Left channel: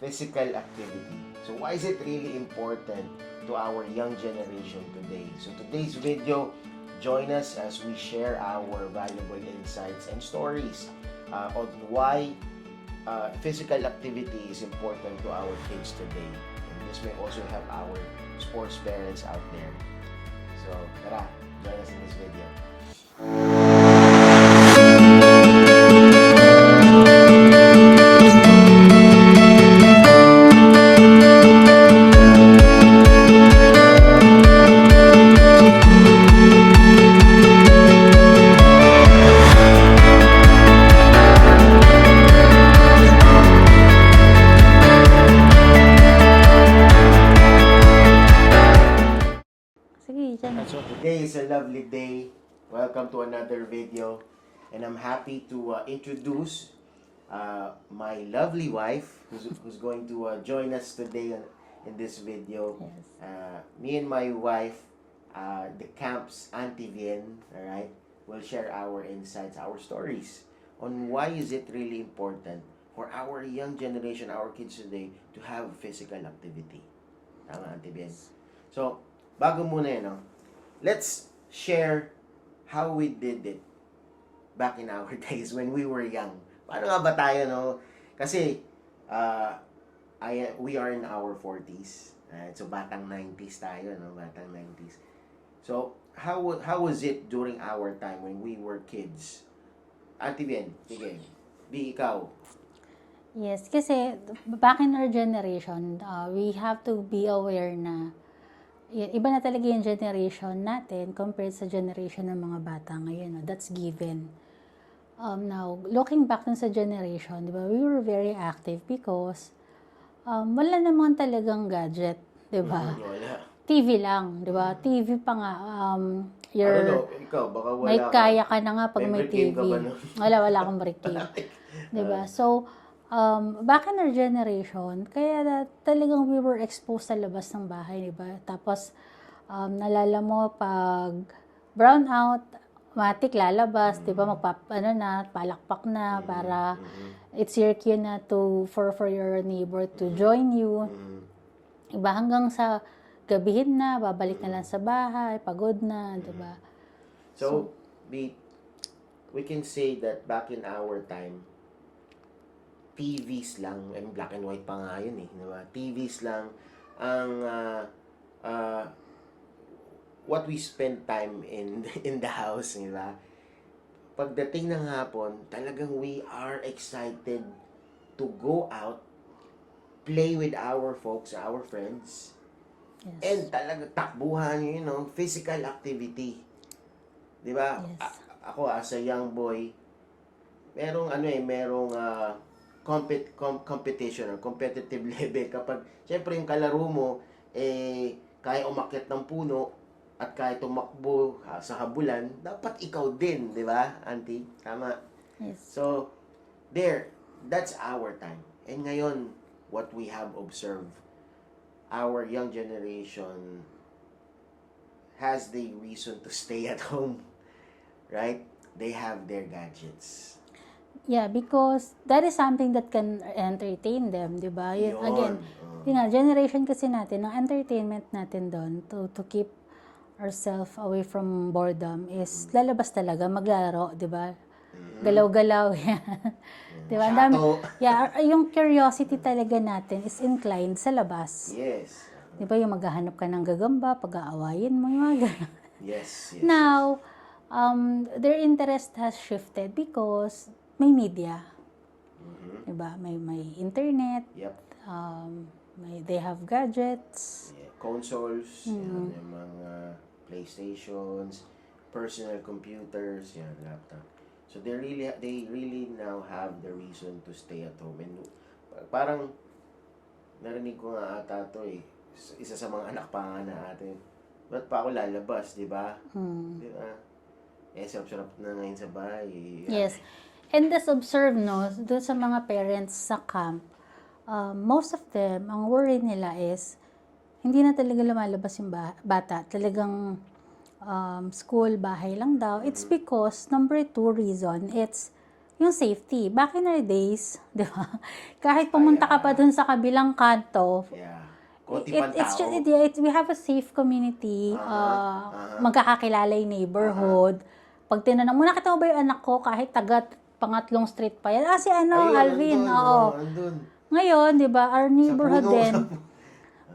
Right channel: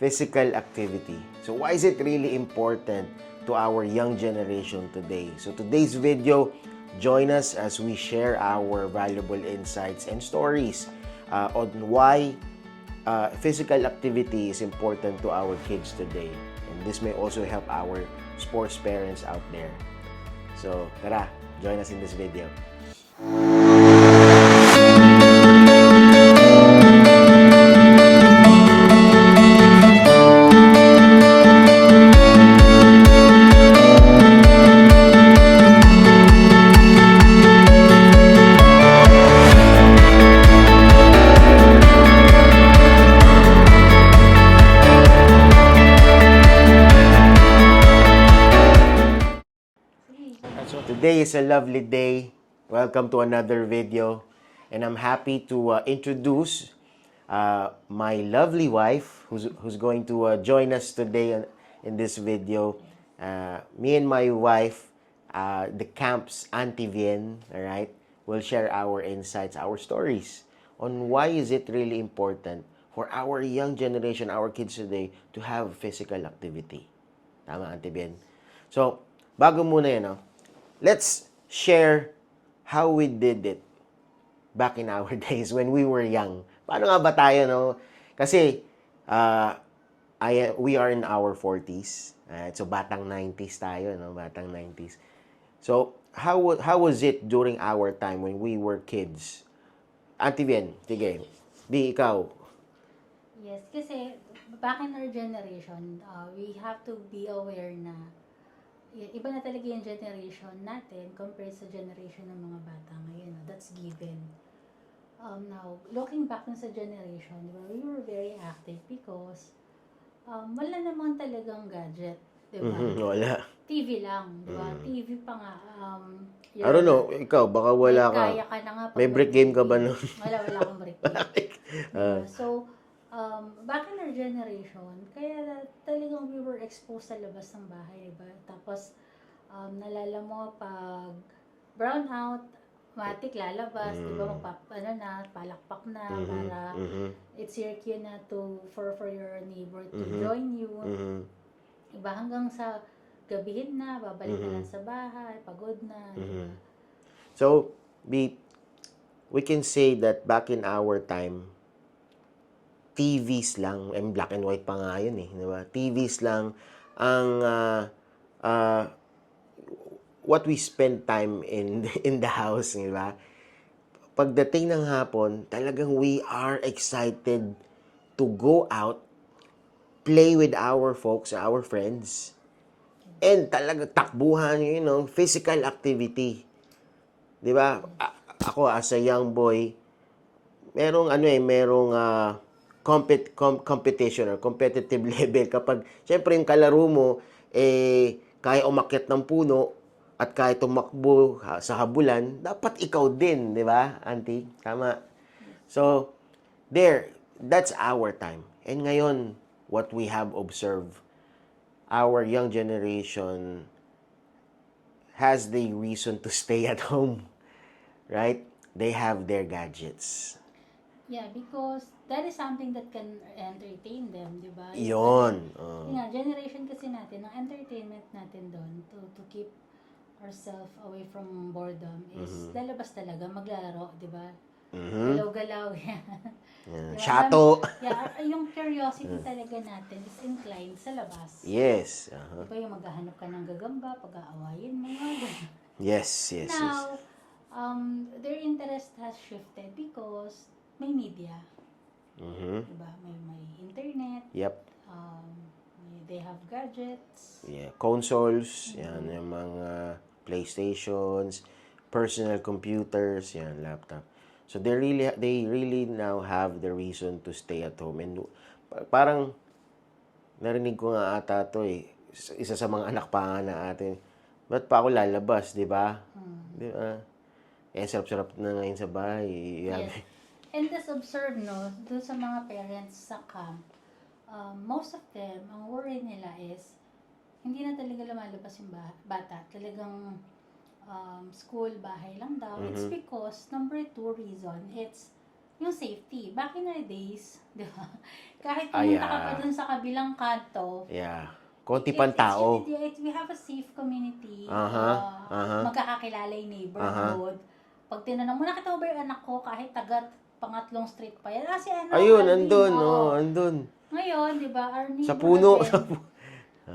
physical activity. So why is it really important to our young generation today? So today's video, join us as we share our valuable insights and stories on why physical activity is important to our kids today. And this may also help our sports parents out there. So tara, join us in this video. So today is a lovely day. Welcome to another video. And I'm happy to introduce my lovely wife who's going to join us today in this video. Me and my wife, the camp's Auntie Vien, all right, will share our insights, our stories on why is it really important for our young generation, our kids today, to have physical activity. Tama, Auntie Vien? So, bago muna yan, let's share how we did it back in our days when we were young. Paano nga ba tayo, no? Kasi, we are in our 40s. So, batang 90s tayo, no? Batang 90s. So, how was it during our time when we were kids? Auntie Vien, sige. Di, ikaw. Yes, kasi back in our generation, we have to be aware na iba na talaga yung generation natin compared sa generation ng mga bata ngayon. That's given. Now, looking back dun sa generation, di ba, we were very active because wala naman talagang gadget, di ba? Wala. TV lang, di ba? TV pa nga. I don't know, ikaw, baka wala ka. Kaya ka na nga pag may may brick game TV. ka ba nun? Wala akong brick game. Di ba? So, back in our generation, kaya talagang we were exposed sa labas ng bahay, di ba? Tapos, nalala mo pag brown out, matik lalabas, di ba? Palakpak na para it's your cue na for your neighbor to join you. Iba hanggang sa gabihin na, babalik na lang sa bahay, pagod na, di ba? So, we can say that back in our time, TVs lang, black and white pa nga yun di ba? TVs lang ang what we spend time in the house, di ba? Pagdating ng hapon, talagang we are excited to go out, play with our folks, our friends, and talaga takbuhan, physical activity. Di ba? Ako as a young boy, merong competition or competitive level kapag syempre yung kalaro mo kaya umakyat ng puno at kaya tumakbo sa habulan, dapat ikaw din, di ba, Auntie? Tama? Yes. So, that's our time. And ngayon, what we have observed, our young generation has the reason to stay at home, right? They have their gadgets. Yeah, because that is something that can entertain them, di ba? Yun. Again, generation kasi natin, ang entertainment natin doon to keep ourselves away from boredom is lalabas talaga, maglalaro, di ba? Galaw-galaw. Di ba? Shato. Yung curiosity talaga natin is inclined sa labas. Yes. Di ba? Yung maghahanap ka ng gagamba, pag-aawayin, mga gano'n. Yes. Now, their interest has shifted because may media. Diba? May internet. Yep. They have gadgets. Yeah. Consoles, yan, yung mga PlayStations, personal computers, yan, laptop. So they really now have the reason to stay at home. And parang narinig ko nga ata to isa sa mga anak pa nga na atin. Ba't pa ako lalabas, di ba? Di ba? Sarap-sarap na ngayon sa bahay. Yes. And let's observe, doon sa mga parents sa camp, most of them, ang worry nila is, hindi na talaga lumalabas yung bata. Talagang school, bahay lang daw. It's because, number 2 reason, it's yung safety. Back in our days, di ba? Kahit pumunta ka pa dun sa kabilang kanto, Yeah. Konti pang it's tao. we have a safe community. Magkakakilala yung neighborhood. Pag tinanong mo, nakita mo ba yung anak ko kahit taga pangatlong street pa yan? Si Ayun, Alvin. andun. Oo. Andun. Ngayon, di ba, our Sa neighborhood puno. din,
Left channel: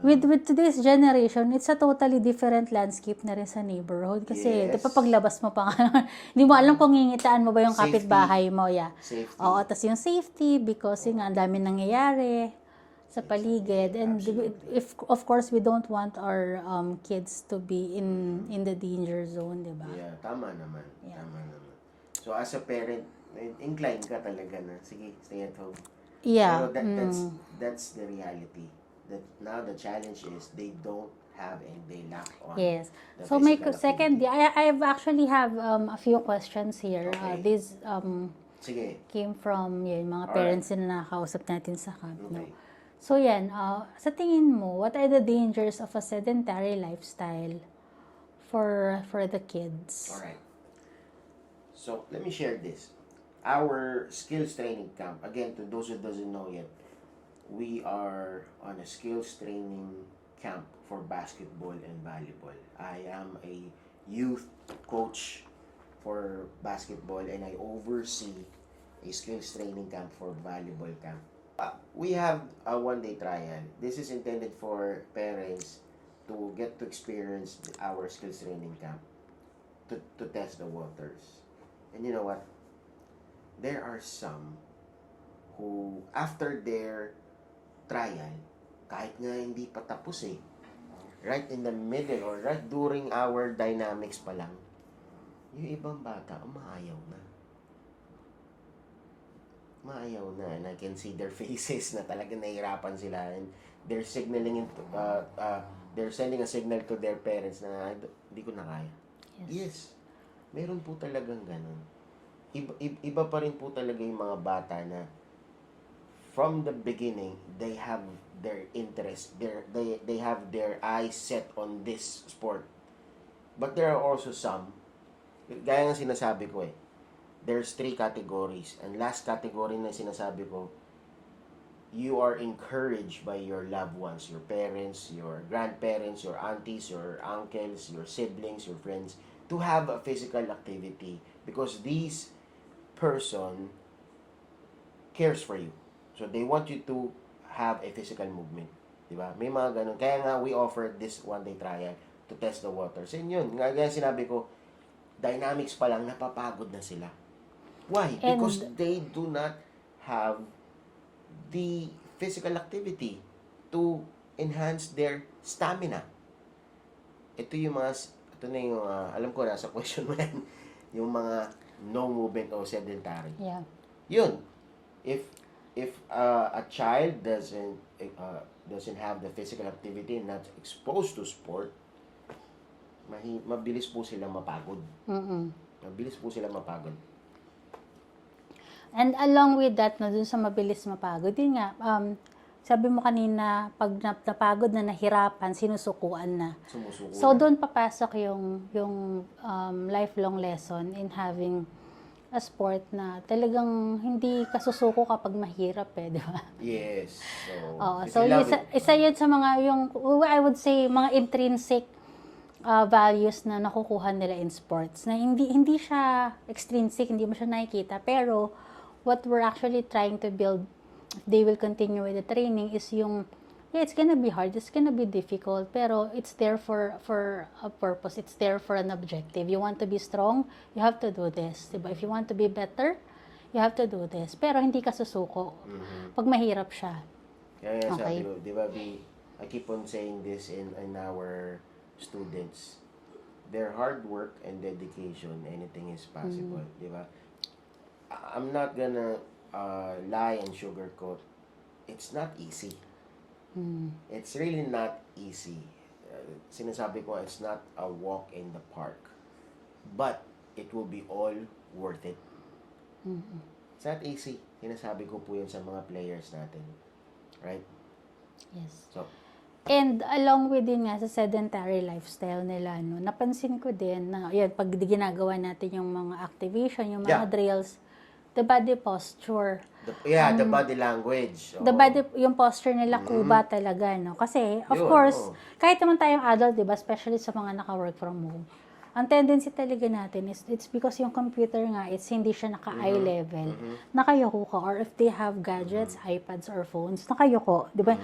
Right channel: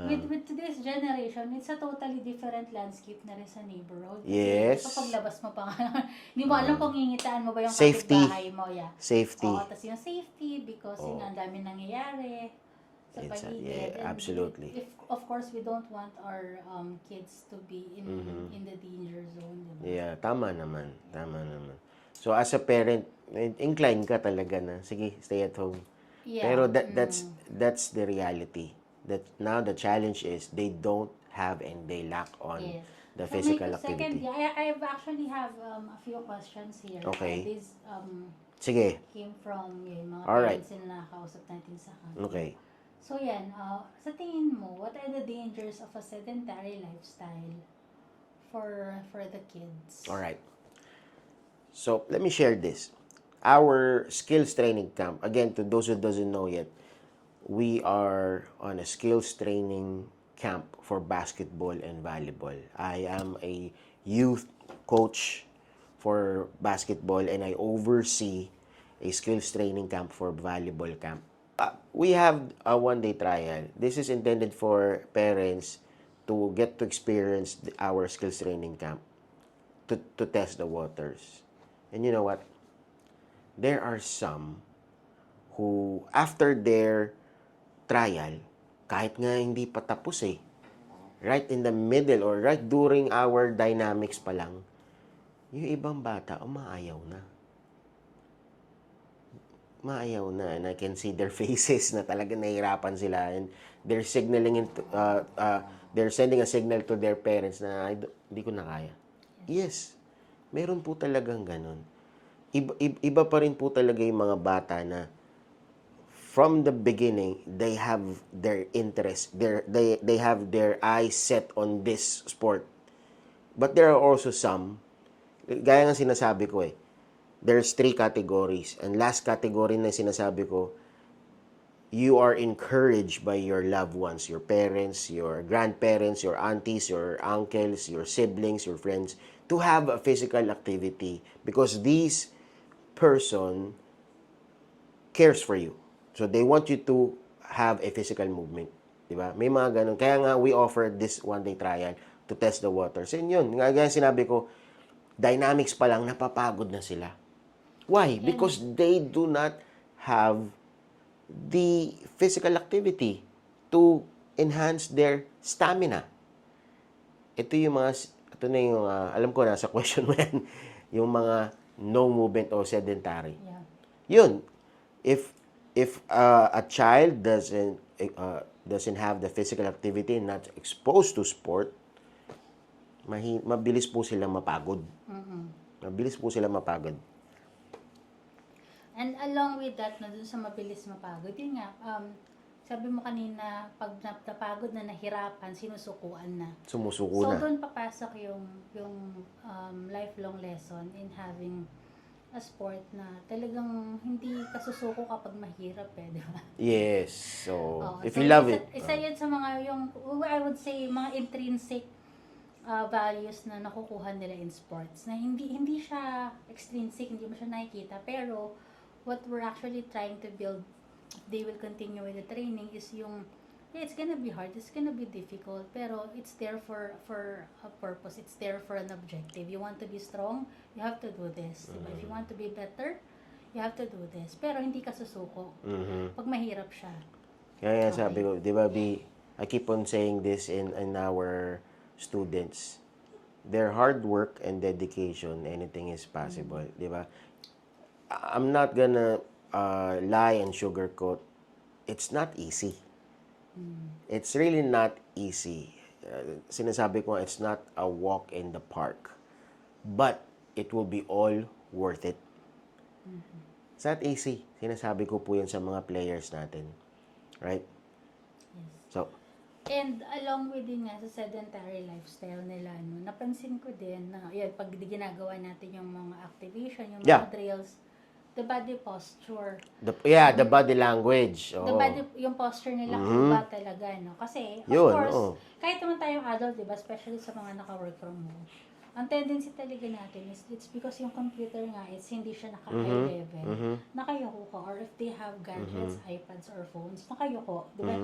with today's generation, it's a totally different landscape na rin sa neighborhood. Kasi, Yes. di ba, paglabas mo pa, hindi mo alam kung ngingitaan mo ba yung Safety. kapitbahay mo. Yeah. Safety. Oo, tas yung safety, because yun nga, ang dami nangyayari sa paligid. yeah, And absolutely. if of course, we don't want our kids to be in the danger zone, di ba? Yeah, tama naman. Tama naman. So, as a parent, incline ka talaga na, sige, stay at home. Yeah. Pero that's the reality. That now the challenge is they don't have and they lack on Yes. the So my physical second, activity. I've actually have a few questions here. Okay. These Sige. came from yun, mga Alright. parents na nakakausap natin sa Camp. Okay. So yan, sa tingin mo, what are the dangers of a sedentary lifestyle for the kids? All right. So, let me share this. Our skills training camp, again, to those who doesn't know yet, we are on a skills training camp for basketball and volleyball. I am a youth coach for basketball and I oversee a skills training camp for volleyball camp. We have a one-day trial. This is intended for parents to get to experience our skills training camp to test the waters. And you know what? There are some who, after their trial, kahit nga hindi pa tapos right in the middle or right during our dynamics pa lang, yung ibang bata, umaayaw na. Maayaw na. And I can see their faces na talaga nahihirapan sila. And they're signaling, they're sending a signal to their parents na, hindi ko na kaya. Yes. Meron po talagang ganun. Iba pa rin po talaga yung mga bata na from the beginning, they have their interest, they have their eyes set on this sport. But there are also some, gaya ng sinasabi ko there's 3 categories. And last category na sinasabi ko, you are encouraged by your loved ones, your parents, your grandparents, your aunties, your uncles, your siblings, your friends, to have a physical activity because these person cares for you. So they want you to have a physical movement. Diba? May mga ganun. Kaya nga we offer this one-day trial to test the waters. And yun, nga sinabi ko, dynamics pa lang, napapagod na sila. Why? Because they do not have the physical activity to enhance their stamina. Ito na yung, alam ko na sa question mo yan, yung mga no movement o sedentary. Yeah. Yun. If a child doesn't have the physical activity and not exposed to sport, mabilis po sila mapagod. Mabilis po sila mapagod. And along with that, dun sa mabilis mapagod, yun nga, sabi mo kanina, pag napagod na nahirapan, sinusukuan na. Sumusuko So, na. doon papasok yung lifelong lesson in having a sport na talagang hindi kasusuko kapag mahirap di ba? Yes. So, Oo, if so you love isa yun sa mga, I would say, mga intrinsic values na nakukuha nila in sports. Na hindi siya extrinsic, hindi mo siya nakikita. Pero, what we're actually trying to build, they will continue with the training, is yung, it's gonna be hard, it's gonna be difficult, pero it's there for a purpose, it's there for an objective. You want to be strong, you have to do this. Diba? If you want to be better, you have to do this. Pero hindi ka susuko. Pag mahirap siya. Kaya nga sabi ko, di ba, I keep on saying this in our students. Their hard work and dedication, anything is possible. Di ba? I'm not gonna lie and sugarcoat. It's not easy. It's really not easy. Sinasabi ko, it's not a walk in the park. But, it will be all worth it. It's not easy. Sinasabi ko po yun sa mga players natin. Right? Yes. So, And along with din nga sa sedentary lifestyle nila, napansin ko din na, yun, pag ginagawa natin yung mga activation, yung mga drills, the body posture. The body language. The body, yung posture nila, kuba talaga, no? Kasi, of Yun, course, oo. kahit naman tayong adult, di ba, especially sa mga naka-work from home, ang tendency talaga natin is, it's because yung computer nga, it's hindi siya naka-eye level. Nakayuko ka. Or if they have gadgets, iPads or phones, nakayuko. Di ba?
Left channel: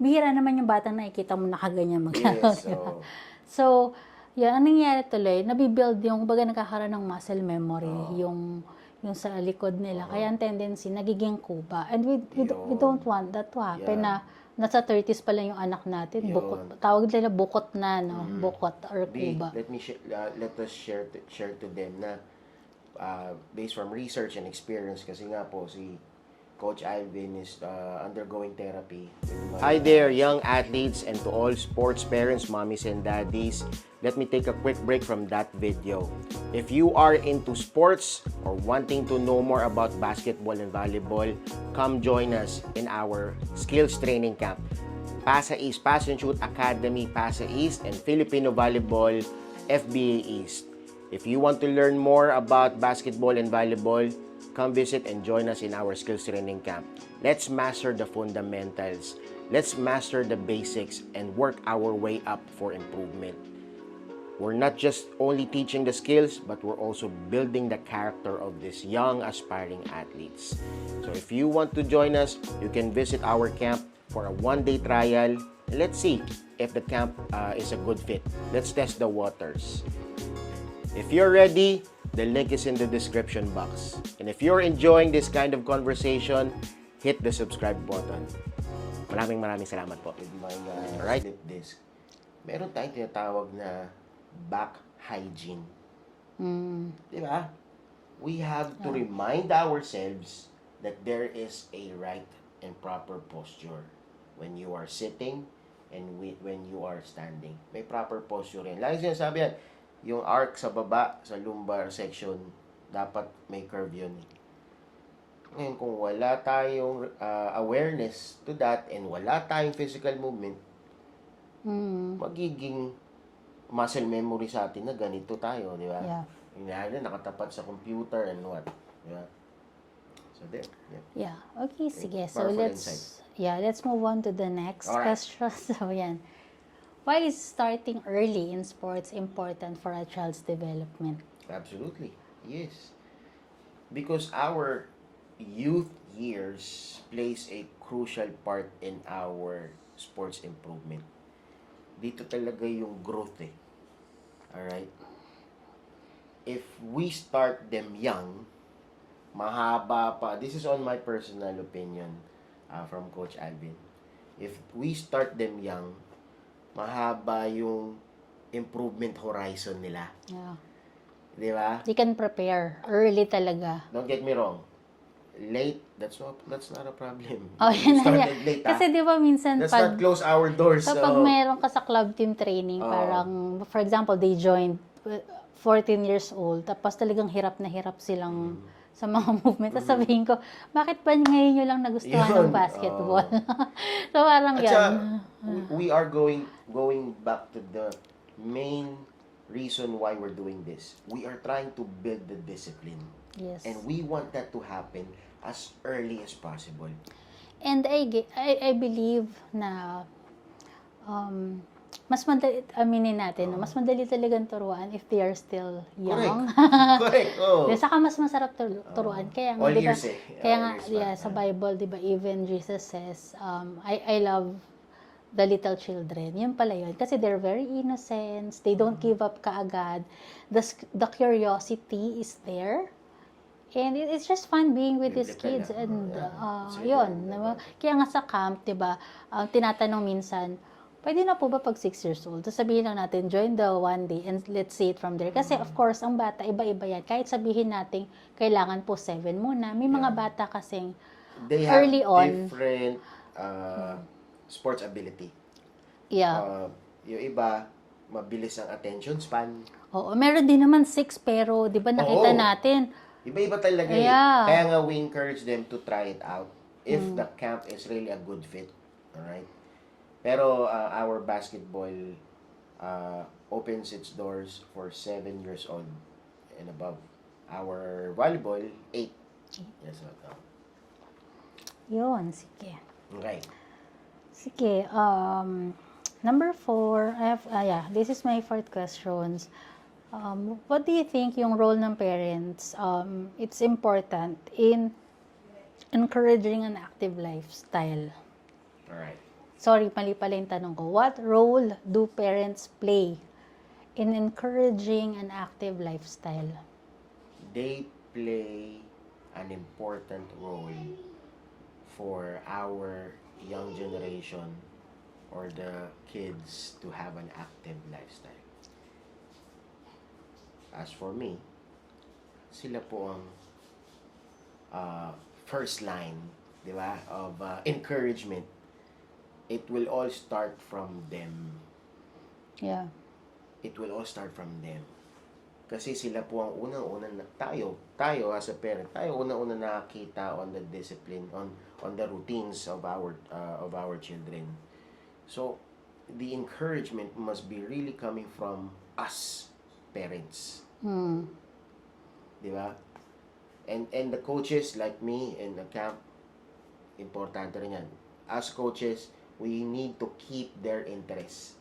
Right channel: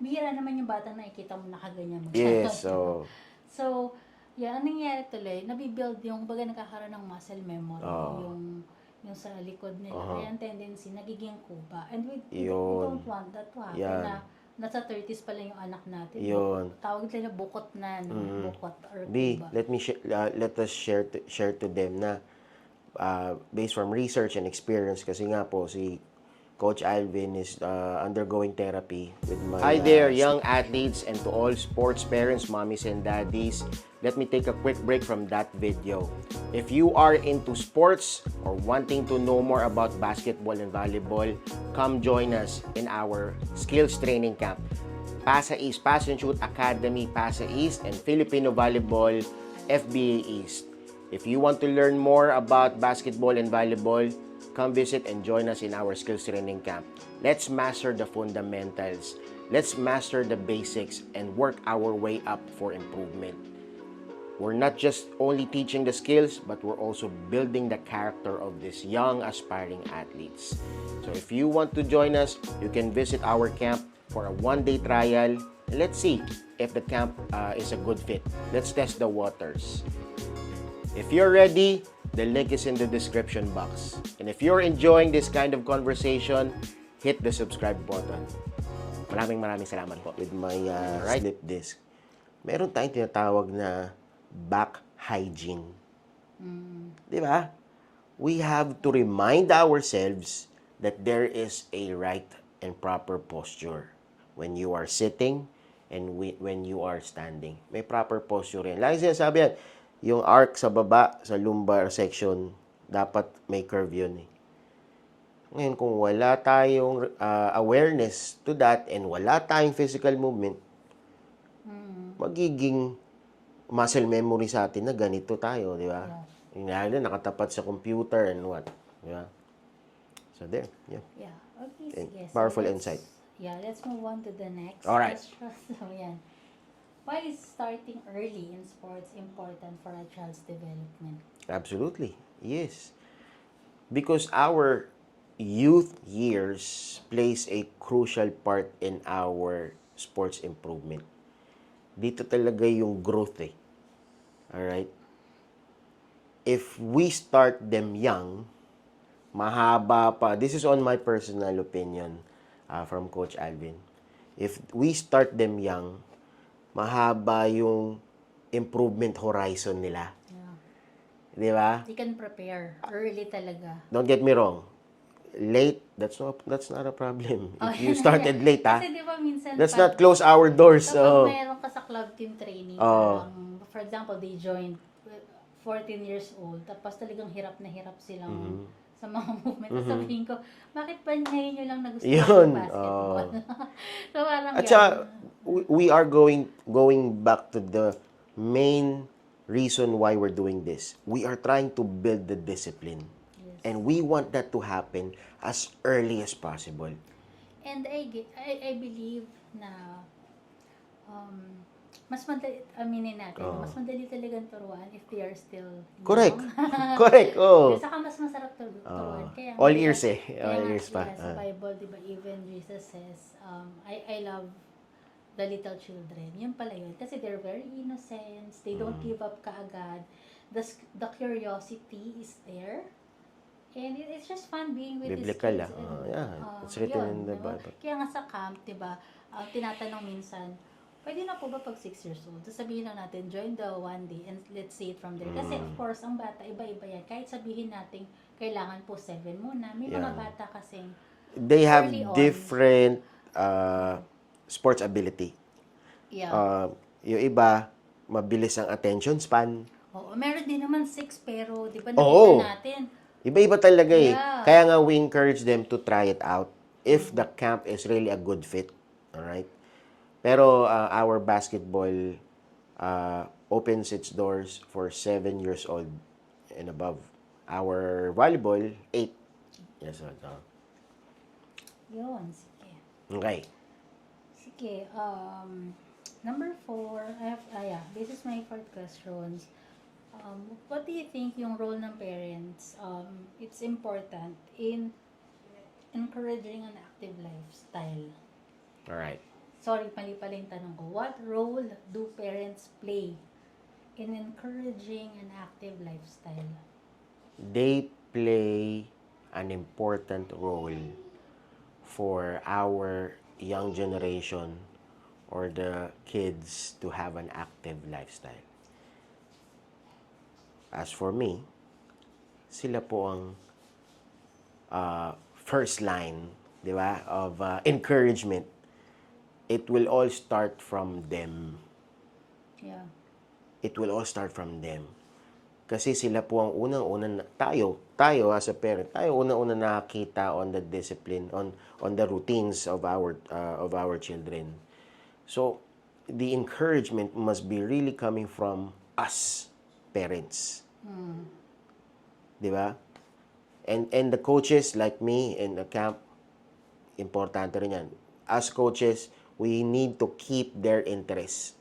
Bihira naman yung batang nakikita mo nakaganyan maglaro. Yes, di ba? oo. So, yan, ang nangyayari tuloy, nabibuild yung, baga nagkakaroon ng muscle memory, yung sa likod nila. Kaya ang tendency, nagiging kuba. And we Yun. don't want that to happen na nasa 30s pa lang yung anak natin. Bukot, tawag nila bukot na, no? Bukot or kuba. Let us share to them na based from research and experience kasi nga po si Coach Alvin is undergoing therapy. Hi there, young athletes and to all sports parents, mommies and daddies. Let me take a quick break from that video. If you are into sports or wanting to know more about basketball and volleyball, come join us in our skills training camp. PASA East, Pass and Shoot Academy, PASA East, and Filipino Volleyball, FBA East. If you want to learn more about basketball and volleyball, come visit and join us in our skills training camp. Let's master the fundamentals. Let's master the basics and work our way up for improvement. We're not just only teaching the skills, but we're also building the character of these young aspiring athletes. So if you want to join us, you can visit our camp for a one-day trial. And let's see if the camp is a good fit. Let's test the waters. If you're ready, the link is in the description box. And if you're enjoying this kind of conversation, hit the subscribe button. Maraming salamat po. With my right slip disc, meron tayong tinatawag na back hygiene. Di ba? We have to remind ourselves that there is a right and proper posture when you are sitting and when you are standing. May proper posture yan. Lagi sinasabi yan, yung arc sa baba, sa lumbar section, dapat may curve yun. Ngayon, kung wala tayong awareness to that and wala tayong physical movement, magiging muscle memory sa atin na ganito tayo, di ba? Yeah. Lalo, nakatapat sa computer and what. Di ba? So, there. Yeah. Yeah. Okay, sige. So, Powerful insight. let's move on to the next Alright. question. So, yan. Why is starting early in sports important for a child's development? Absolutely. Yes. Because our youth years plays a crucial part in our sports improvement. Dito talaga yung growth eh. Alright? If we start them young, mahaba pa. This is on my personal opinion from Coach Alvin. If we start them young, mahaba yung improvement horizon nila. Yeah. Di ba? They can prepare early talaga. Don't get me wrong. Late, that's not a problem. Oh, If you yun na started yan. late, Kasi di ba minsan let's not close our doors. kapag meron ka sa club team training, parang, for example, they joined 14 years old, tapos talagang hirap na hirap silang sa mga movement. Tapos sabihin ko, bakit ba ngayon nyo lang nagustuhan Yun, ng basketball? So parang At yan. saka, we are going back to the main reason why we're doing this. We are trying to build the discipline. Yes. And we want that to happen as early as possible. And I believe na mas madali, aminin natin, mas madali talagang turuan if they are still young. Correct. Correct. Oh. Saka mas masarap turuan. Kaya, All di ba, ears eh. Kaya All nga, ears pa. yeah, sa Bible, di ba, even Jesus says, I love the little children. Yun pala yun. Kasi they're very innocent. They don't give up kaagad. The curiosity is there. And it's just fun being with these Biblical kids. lang. And It's written yun. in the Diba? Bible. Kaya nga sa camp, diba, tinatanong minsan, pwede na po ba pag 6 years old? Tapos sabihin lang natin, join the one day and let's see it from there. Kasi of course, ang bata, iba-iba yan. Kahit sabihin natin, kailangan po 7 muna. May mga bata kasing They have early on. different sports ability. Yeah. Yung iba, mabilis ang attention span. Oo, meron din naman 6 pero, di ba nakita Oo. natin, Iba-iba talaga eh. Yeah. Kaya nga we encourage them to try it out if the camp is really a good fit. Alright? Pero our basketball opens its doors for 7 years old and above. Our volleyball, 8. Yes, welcome. Yun, sige. Okay. Sige, number 4, this is my fourth questions. What do you think yung role ng parents, it's important in encouraging an active lifestyle? Alright. Sorry, mali pala yung tanong ko. What role do parents play in encouraging an active lifestyle? They play an important role for our young generation or the kids to have an active lifestyle. As for me, sila po ang first line, di ba, of encouragement. It will all start from them. Yeah. It will all start from them. Kasi sila po ang unang-unang tayo as a parent, tayo unang-unang nakakita on the discipline, on the routines of our children. So, the encouragement must be really coming from us parents. Di ba? And the coaches like me in the camp, importante rin yan. As coaches, we need to keep their interest.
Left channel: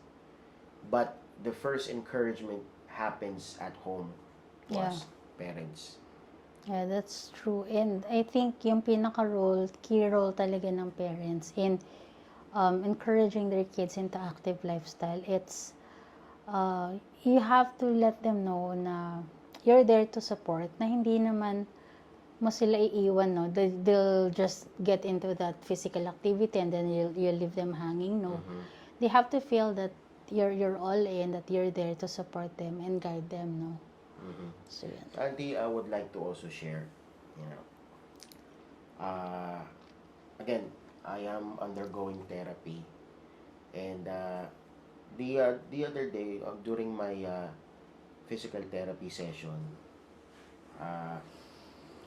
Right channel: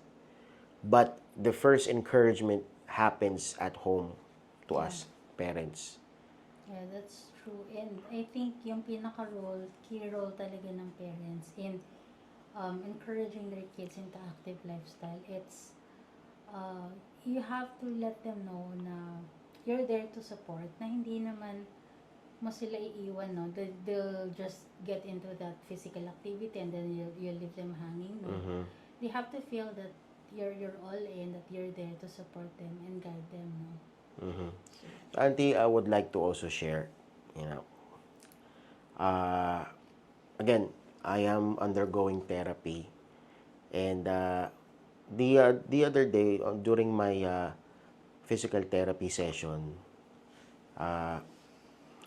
But the first encouragement happens at home to Yeah. us, parents. Yeah, that's true. And I think yung key role talaga ng parents in encouraging their kids into active lifestyle, it's you have to let them know na you're there to support, na hindi naman mo sila iiwan, no? They'll just get into that physical activity and then you'll leave them hanging, no? They have to feel that you're all in, that you're there to support them and guide them, no? So, yan. Auntie, I would like to also share, you know, again, I am undergoing therapy, and the other day during my physical therapy session,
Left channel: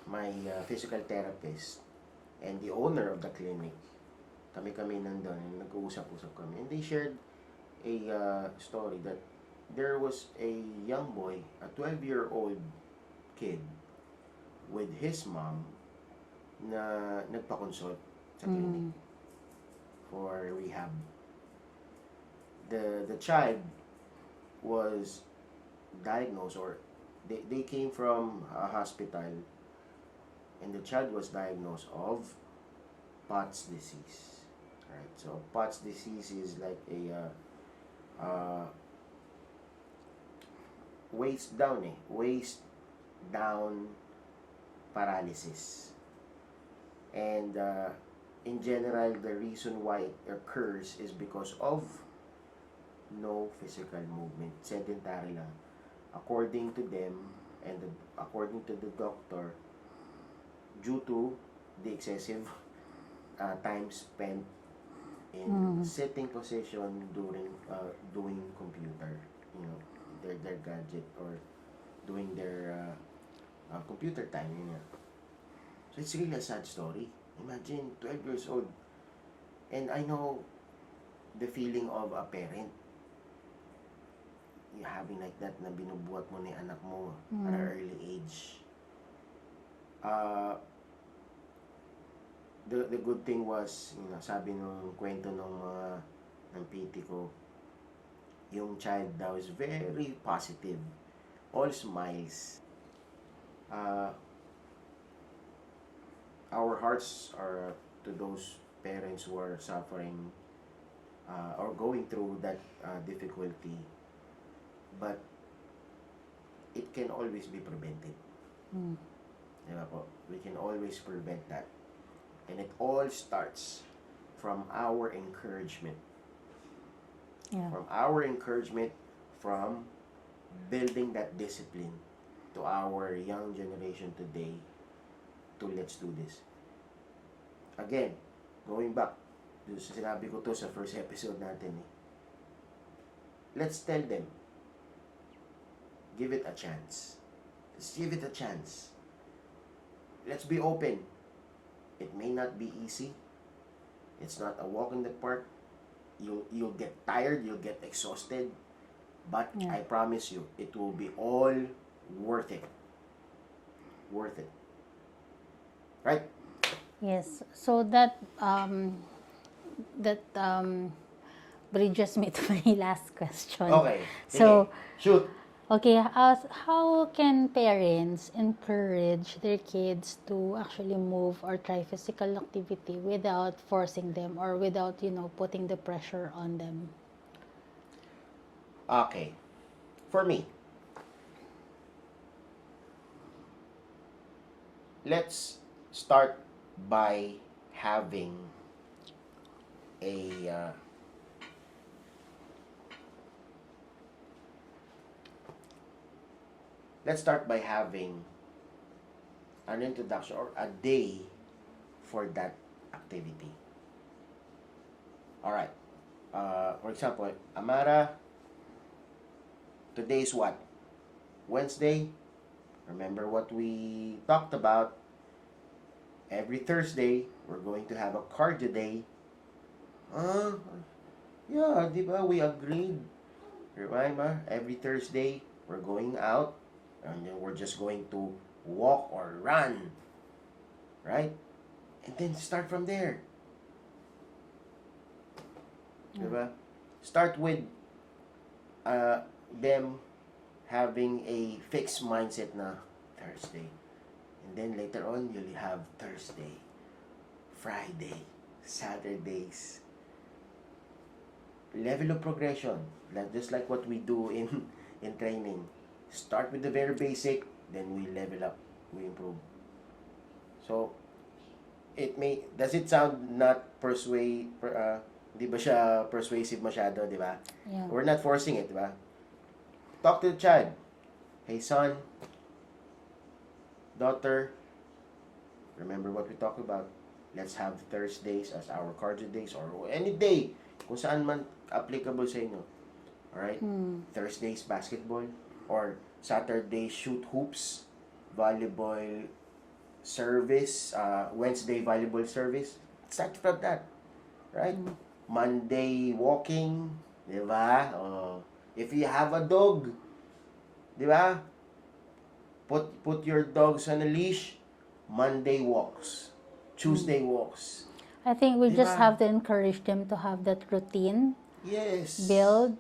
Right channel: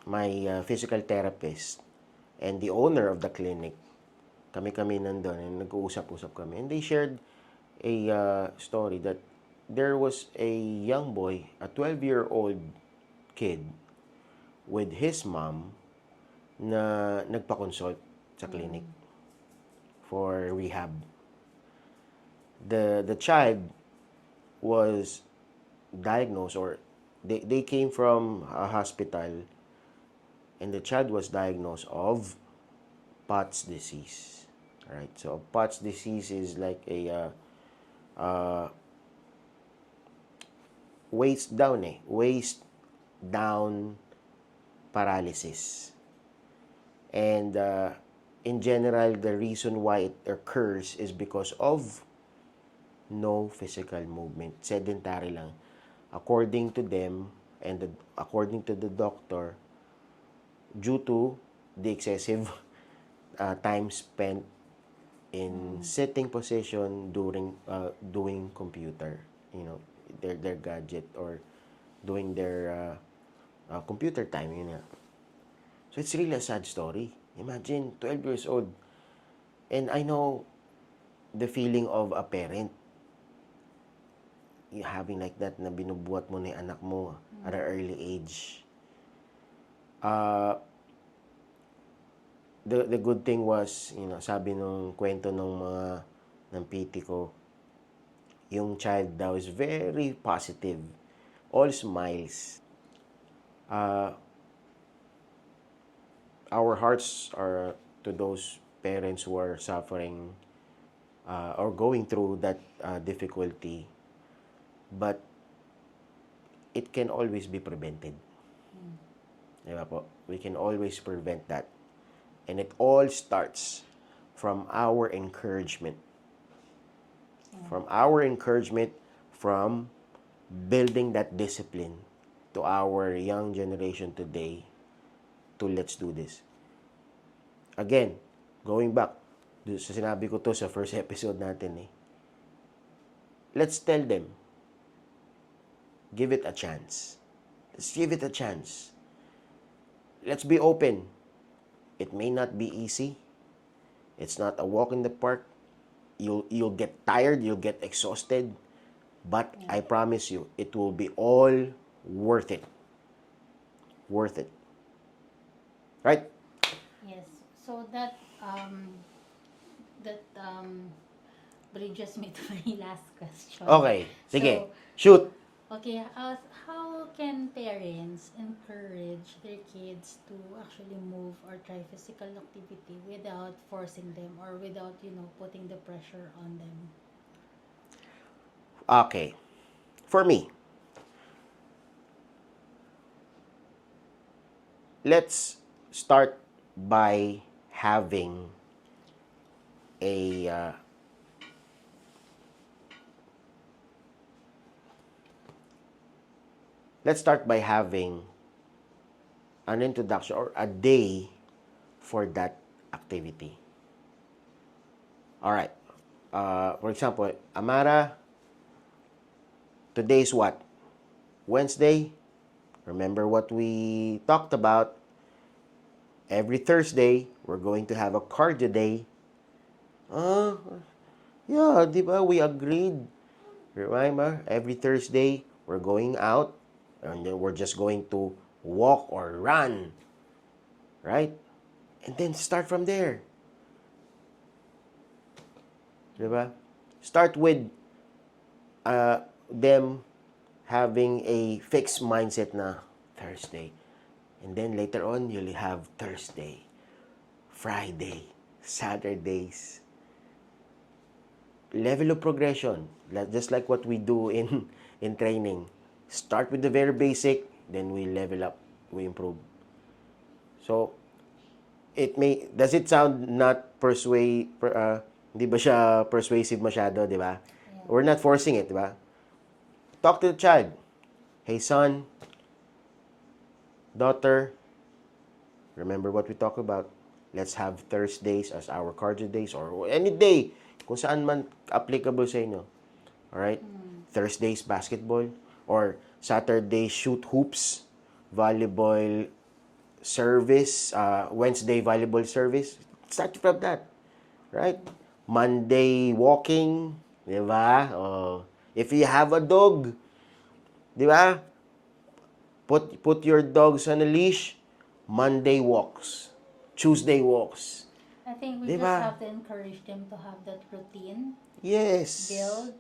my physical therapist and the owner of the clinic, kami nandun, and nag-uusap-usap kami, and they shared a story that there was a young boy, a 12-year-old kid, with his mom na nagpa-consult sa clinic for rehab. The child was diagnosed, or they came from a hospital, and the child was diagnosed of Pott's disease. Alright, so Pott's disease is like a waist down paralysis. And in general, the reason why it occurs is because of no physical movement. Sedentary lang. According to them, and according to the doctor, due to the excessive time spent in sitting position during doing computer, their gadget, or doing their computer time, yun nga. So it's really a sad story. Imagine 12 years old, and I know the feeling of a parent having like that, na binubuhat mo na yung anak mo at an early age. The good thing was, sabi nung kwento nung mga ng PT ko, yung child daw is very positive, all smiles. Our hearts are to those parents who are suffering or going through that difficulty, but it can always be prevented. Diba po? We can always prevent that. And it all starts from our encouragement. Yeah. From our encouragement, from building that discipline to our young generation today, to let's do this. Again, going back, sa sinabi ko to sa first episode natin let's tell them, give it a chance. Let's give it a chance. Let's be open. It may not be easy. It's not a walk in the park. You'll get tired, you'll get exhausted, but I promise you, it will be all worth it. Worth it. Right? Yes. So that that bridges me to my last question. Okay. Sige. So, Shoot. okay, how can parents encourage their kids to actually move or try physical activity without forcing them or without, putting the pressure on them? Okay. For me, let's start by having a let's start by having an introduction or a day for that activity. All right. For example, Amara, today is what? Wednesday. Remember what we talked about? Every Thursday, we're going to have a cardio day. Yeah, di ba? We agreed. Remember, every Thursday, we're going out and then we're just going to walk or run. Right? And then start from there. Di ba? Start with them having a fixed mindset na Thursday. And then later on, you'll have Thursday, Friday, Saturdays. Level of progression, just like what we do in training. Start with the very basic, then we level up, we improve. So, does it sound not di ba siya persuasive masyado, di ba? Yeah. We're not forcing it, di ba? Talk to the child. Hey son, daughter, remember what we talked about? Let's have Thursdays as our cardio days or any day kung saan man applicable sa inyo. Alright? Thursdays, basketball. Or Saturday, shoot hoops. Volleyball service. Wednesday, volleyball service. Start from that. Right? Monday, walking. Diba? If you have a dog, diba? Put your dogs on a leash. Monday walks. Tuesday walks. I think we Diba? just have to encourage them to have that routine Yes. build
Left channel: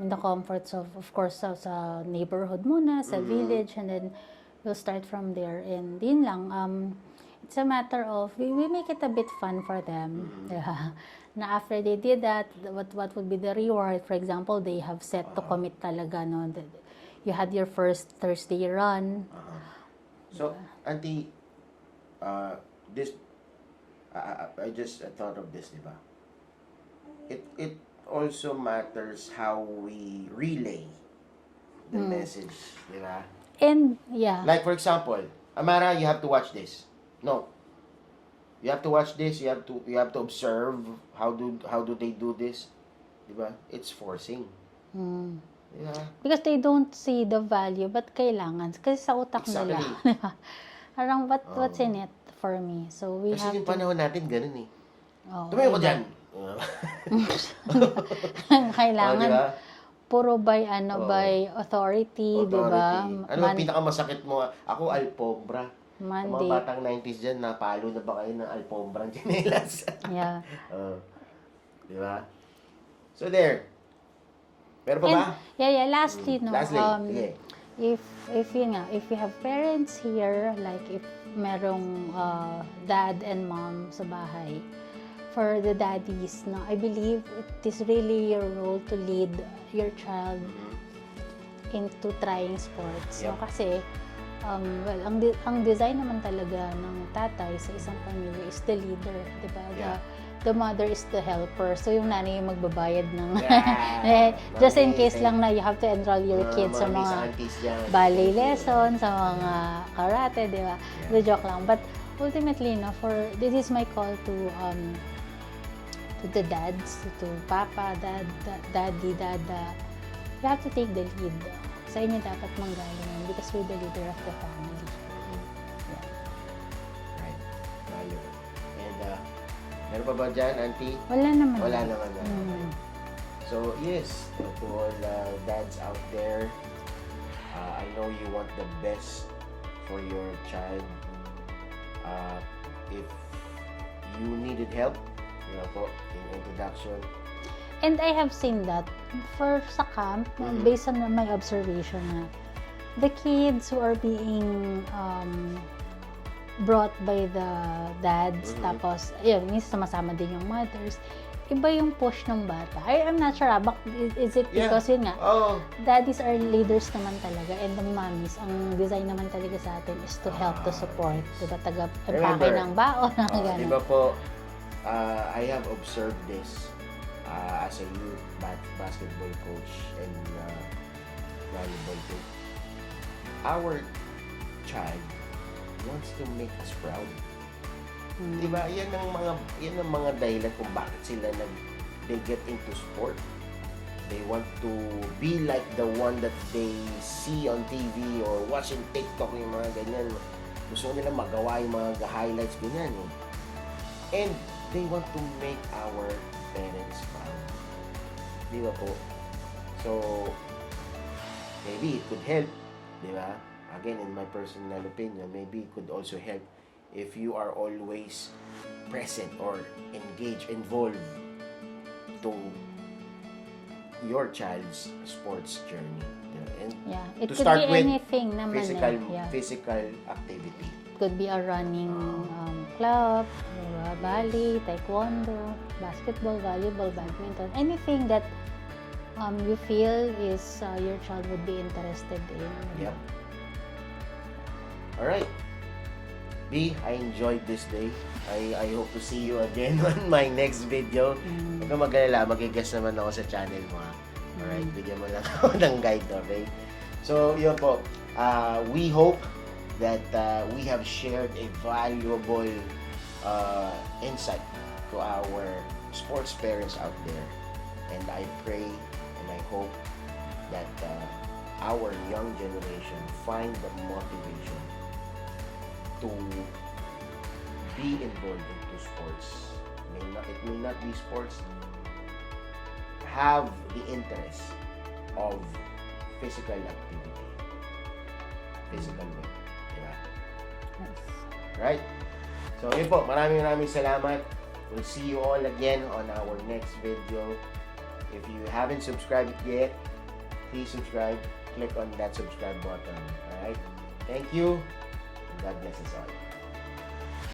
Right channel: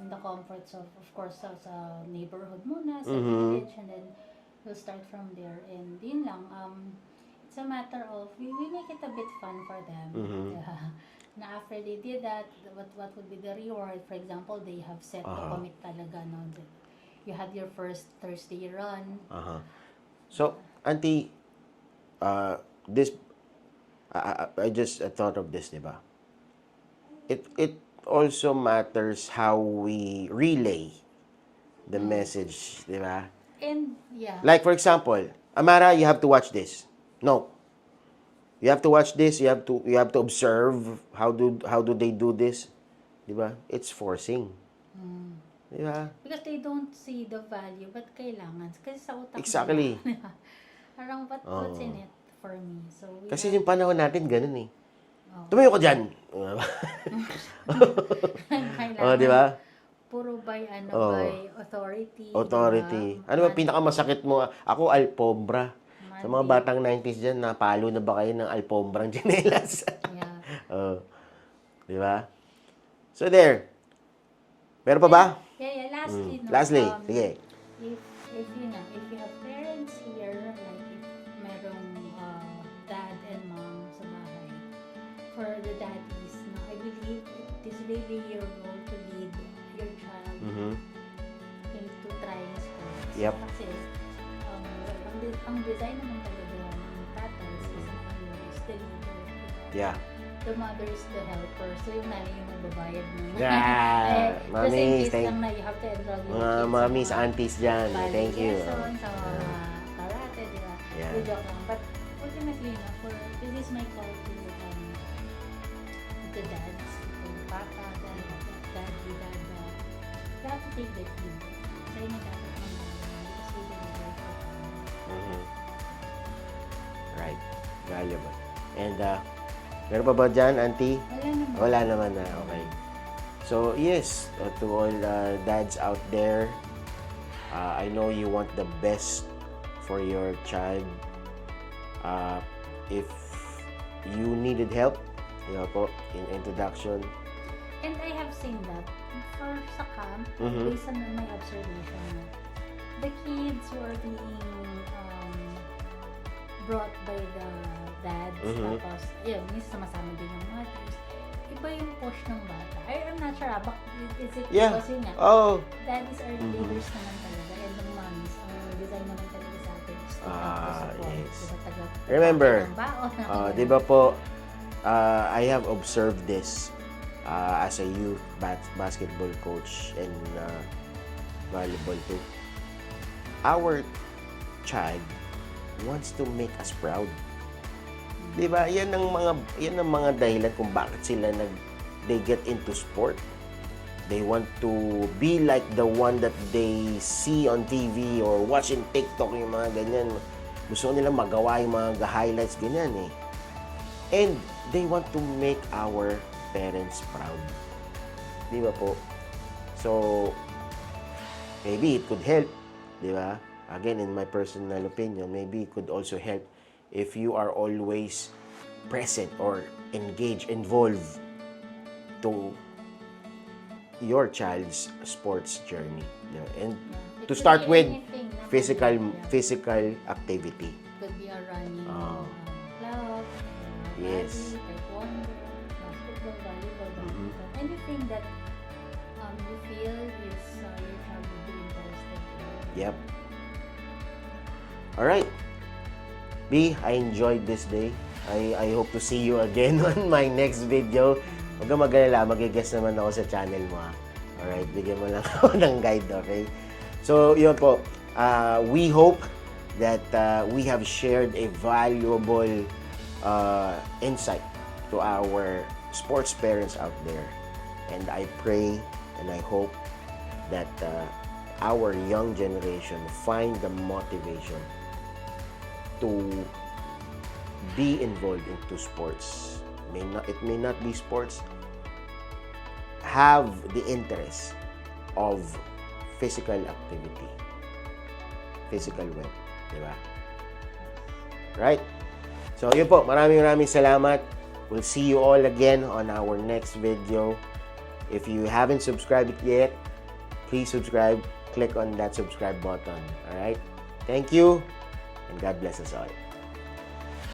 in the comforts of course, sa neighborhood muna, sa village, and then we'll start from there. And yun lang, it's a matter of, we make it a bit fun for them. Yeah. Na after they did that, what would be the reward? For example, they have set to commit talaga, no? You had your first Thursday run. So, Auntie, this, I just thought of this, diba? It also matters how we relay the message, diba? And, yeah. Like, for example, Amara, you have to watch this. No. You have to watch this. You have to observe how do they do this, diba? It's forcing. Diba? Because they don't see the value, but kailangan. Kasi sa utak Exactly. nila. Parang, what's in it for me? So, we Kasi have yung panahon natin, ganun eh. Oh. Tumayo ko dyan. kailangan. Diba? Puro by authority, Authority. diba? Ano ba pinakamasakit mo? Ako, alpombra. Sa mga Monday. batang 90s dyan, napalo na ba kayo ng alpombrang tsinelas? Yeah. Di ba? So there. Meron pa ba? Yeah. Lastly, no. Lastly, sige. If you have parents here, like if merong dad and mom sa bahay, for the daddies, no, I believe it is really your role to lead your child into trying sports. Yep. So kasi, ang design naman talaga ng tatay sa isang pamilya is the leader, di ba? Yeah. The mother is the helper. So, yung nanay yung magbabayad ng... Yeah. just in Mami, case thank- lang na you have to enroll your kids sa Mami, mga aunties dyan. ballet Thank you. lesson, sa mga karate, di ba? Yeah. The joke lang. But ultimately, no, this is my call to the dads, to papa, daddy, dada. You have to take the lead. Sa inyo dapat manggaling yun because we're the leader of the family. Right. Valuable. And, meron pa ba dyan, auntie? Wala naman. Wala naman na. Okay. So, yes, to all the dads out there, I know you want the best for your child. If you needed help, yun po, in introduction. And I have seen that for sa camp, based on my observation, the kids who are being brought by the dads, tapos, yun, minsan sumasama din yung mothers, iba yung push ng bata. I'm not sure, is it because yun nga, daddies are leaders naman talaga, and the mommies, ang design naman talaga sa atin is to help, to support, diba, Remember, ng baon, di ba po, I have observed this as a youth basketball coach and volleyball too. Our child wants to make us proud. Di ba? Yan ang mga dahilan kung bakit sila they get into sport. They want to be like the one that they see on TV or watch in TikTok, yung mga ganyan. Gusto nila magawa yung mga highlights, ganyan eh. And they want to make our parents proud. Di ba po? So, maybe it could help. Di ba? Again, in my personal opinion, maybe it could also help if you are always present or engaged, involved to your child's sports journey. You know, and it to could start be with anything naman, physical activity. It could be a running club, volley, taekwondo, basketball, volleyball, badminton, anything that you feel is your child would be interested in. Yep. All right. B, I enjoyed this day. I hope to see you again on my next video. Huwag kang mag-alala, mag-guest naman ako sa channel mo. Alright, bigyan mo lang ako ng guide, okay? So, yun po. We hope that we have shared a valuable insight to our sports parents out there. And I pray and I hope that our young generation find the motivation to be involved into sports. It may not be sports. Have the interest of physical activity. Physical well. Diba? Right? So, yun po. Maraming salamat. We'll see you all again on our next video. If you haven't subscribed yet, please subscribe. Click on that subscribe button. Alright? Thank you. God bless us all.